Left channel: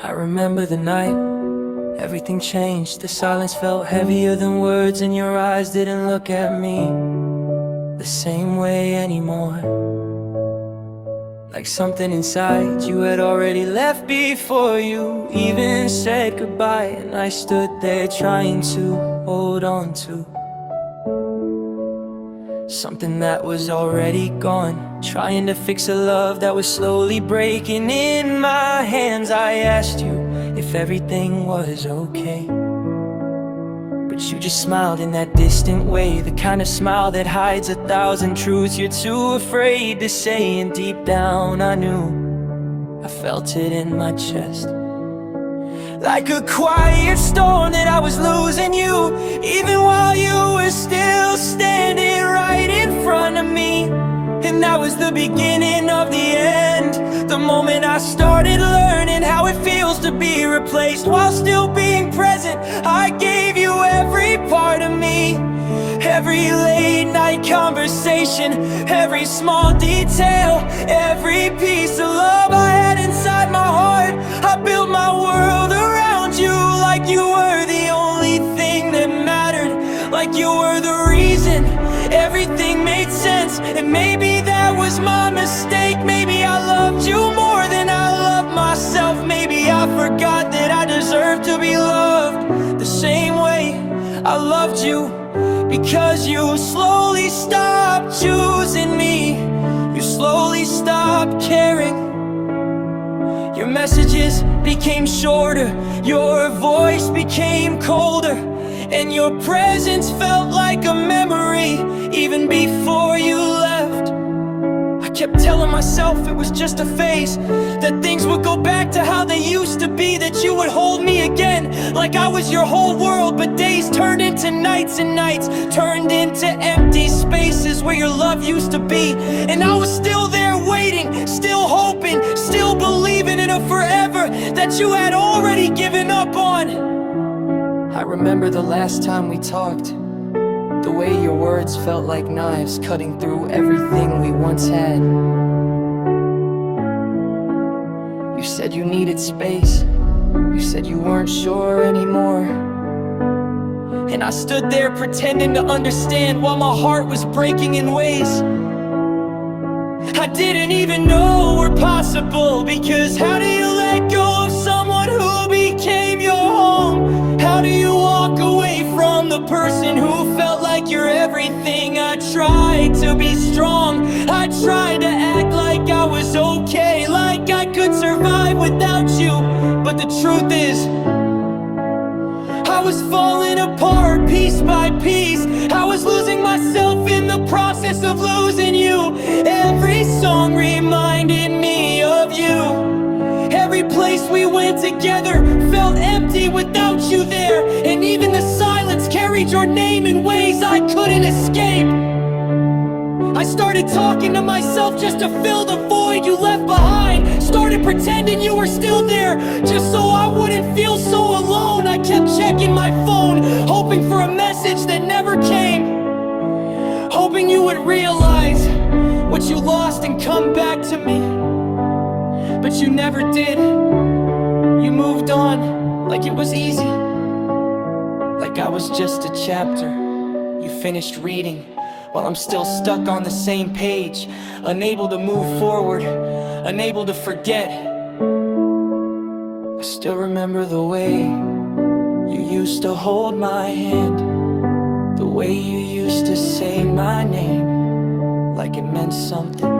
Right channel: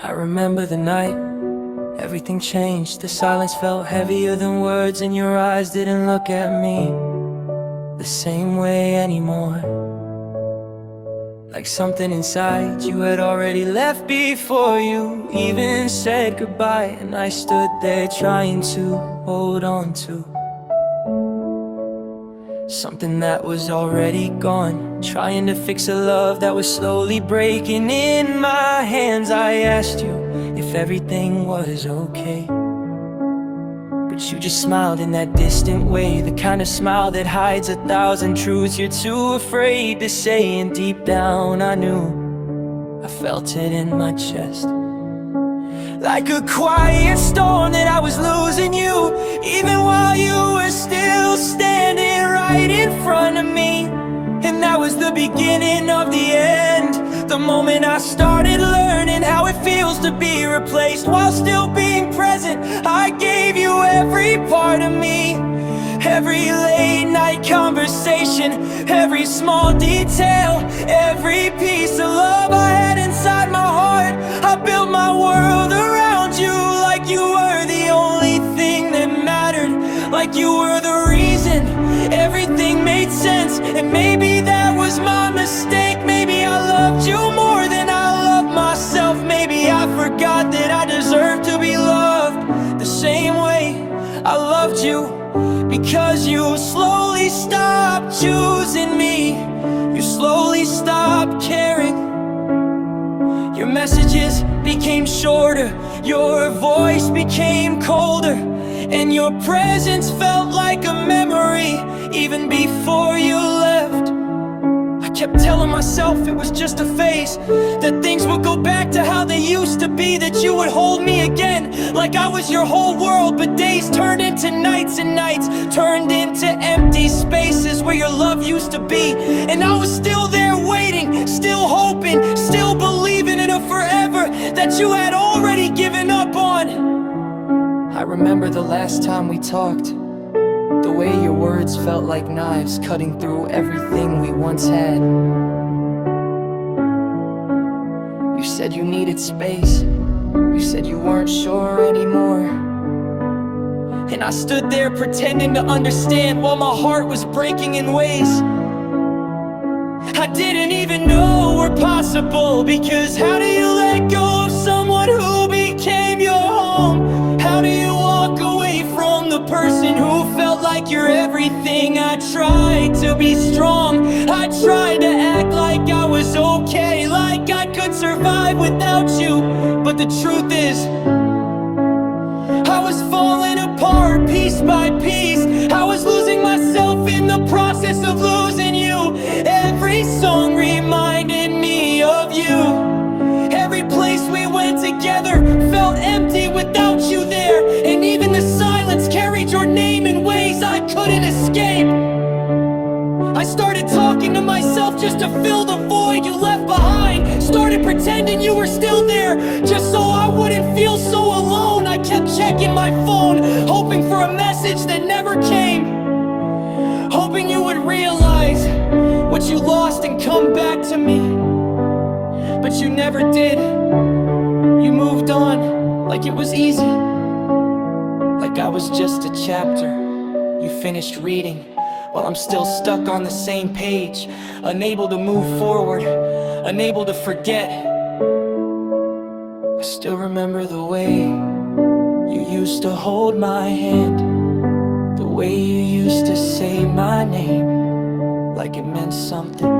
I remember the night, everything changed. The silence felt heavier than words, and your eyes didn't look at me the same way anymore. Like something inside you had already left before you even said goodbye. And I stood there trying to hold on to something that was already gone, trying to fix a love that was slowly breaking in my hands. I asked you if everything was okay, but you just smiled in that distant way, the kind of smile that hides 1,000 truths you're too afraid to say. And deep down I knew, I felt it in my chest, like a quiet storm that I was losing you, even while you were still standing right in front of me. And that was the beginning of the end, the moment I started learning how it feels to be replaced while still being present. I gave you every part of me, every late night conversation, every small detail, every piece of love I had inside my heart. I built my world around you, like you were the only thing that mattered, like you were the reason everything made sense. And maybe that was my mistake, maybe I loved you more than I loved myself. Maybe I forgot that I deserved to be loved the same way I loved you, because you slowly stopped choosing me, you slowly stopped caring. Your messages became shorter, your voice became colder, and your presence felt like a memory even before you left. I kept telling myself it was just a phase, that things would go back to how they used to be, that you would hold me again like I was your whole world. But days turned into nights, and nights turned into empty spaces where your love used to be. And I was still there waiting, still hoping, still believing in a forever that you had already given up on. I remember the last time we talked, the way your words felt like knives cutting through everything we once had. You said you needed space, you said you weren't sure anymore. And I stood there pretending to understand while my heart was breaking in ways I didn't even know were possible. Because how do you let go of someone who became your home? How do you walk away from the person who felt like you're everything? I tried to be strong, I tried to act like I was okay, like I could survive without you. But the truth is, I was falling apart piece by piece. I was losing myself in the process of losing you. Every song reminded me of you. Every place we went together felt empty without you there. And even the silence carried your name in ways I couldn't escape. I started talking to myself just to fill the void you left behind. Started pretending you were still there, just so I wouldn't feel so alone. I kept checking my phone, hoping for a message that never came, hoping you would realize what you lost and come back to me. But you never did. You moved on like it was easy, like I was just a chapter you finished reading, while I'm still stuck on the same page, unable to move forward, unable to forget. I still remember the way you used to hold my hand, the way you used to say my name like it meant something.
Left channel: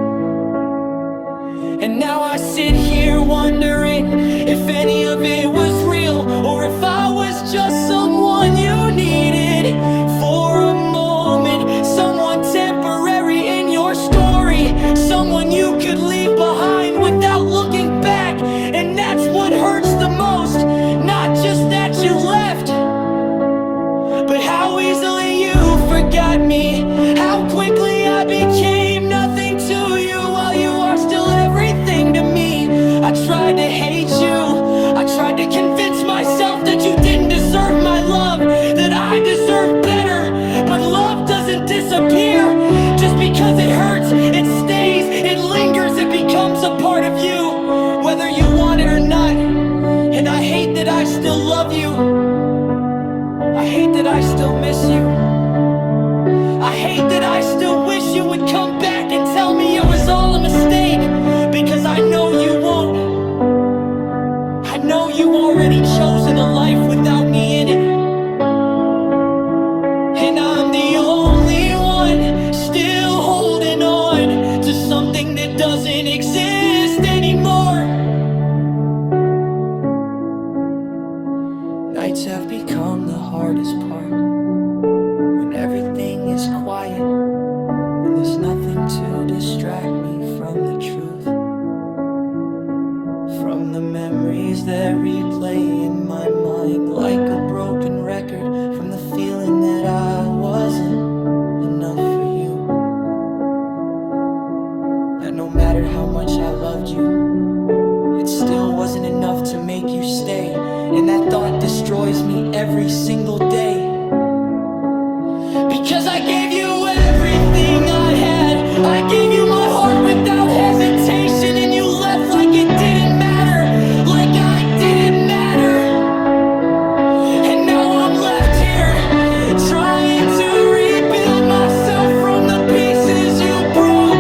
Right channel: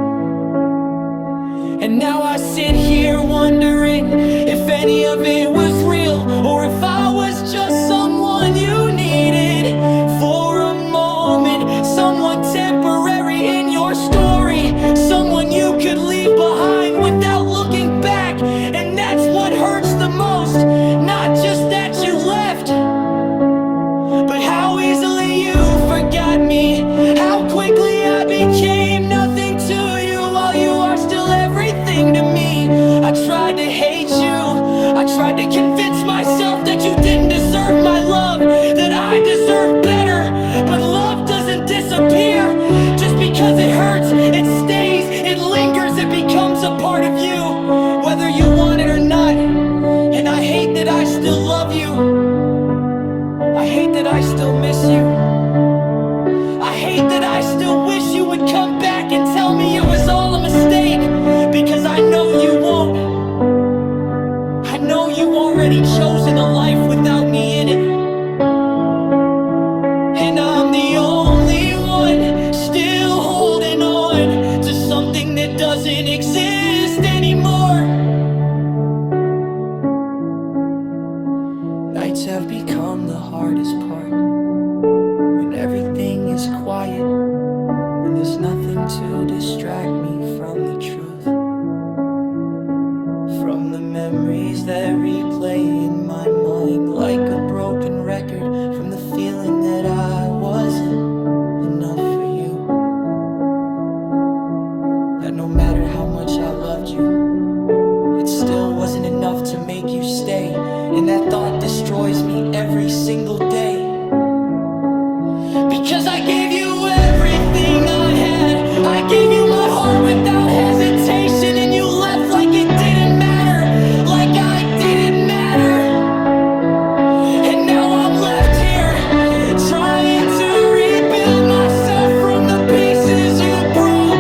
And now I sit here wondering if any of it was real, or if I was just someone you needed for a moment, someone temporary in your story, someone you could leave behind without looking back. And that's what hurts the most, not just that you left, but how easily you forgot me, how quickly I became nothing to you while you are still everything to me. I tried to hate you, I tried to convince myself that you didn't deserve my love, that I deserved better. But love doesn't disappear, Just because it hurts, it stays, it lingers, it becomes a part of you, whether you want it or not. And I hate that I still love you. I hate that I still miss you. I hate that I still wish you would come back and tell me it was all a mistake, because I know you won't. I know you've already chosen a life without me in it. And I'm the only one still holding on to something that doesn't exist anymore. Nights have become the hardest part, when everything is quiet and there's nothing to distract me from the truth, from the memories that replay in my mind like a broken record, from the feeling that I wasn't enough for you, that no matter how much I loved you, it still wasn't enough to make you stay. And that thought destroys me every single day, because I gave you everything I had. I gave you my heart without hesitation, and you left like it didn't matter, like I didn't matter. And now I'm left here, trying to rebuild myself from the pieces you broke,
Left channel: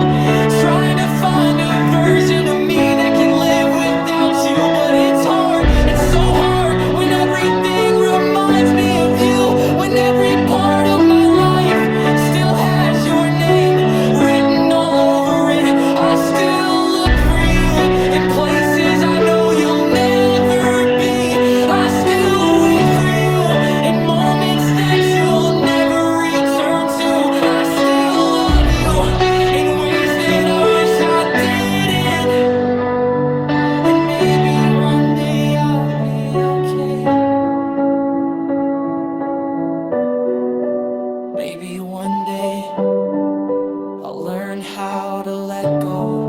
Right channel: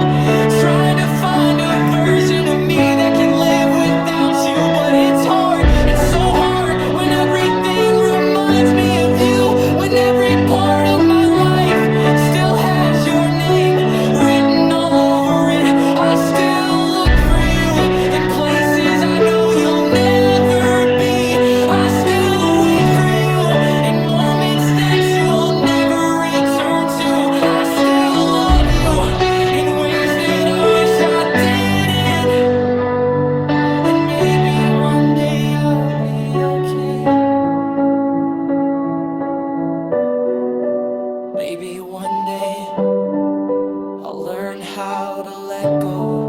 trying to find a version of me that can live without you. But it's hard, it's so hard, when everything reminds me of you, when every part of my life still has your name written all over it. I still look for you in places I know you'll never be. I still wait for you in moments that you'll never return to. I still love you in ways that I wish I didn't. And maybe one day I'll be okay. Maybe one day I'll learn how to let go.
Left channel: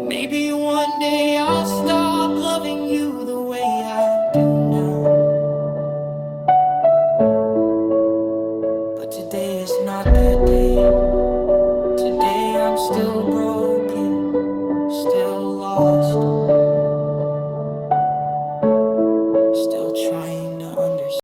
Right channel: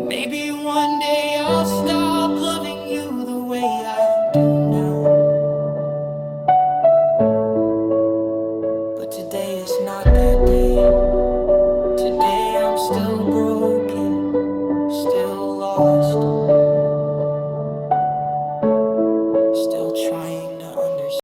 Maybe one day I'll stop loving you the way I do now. But today is not that day. Today I'm still broken, still lost, still trying to understand.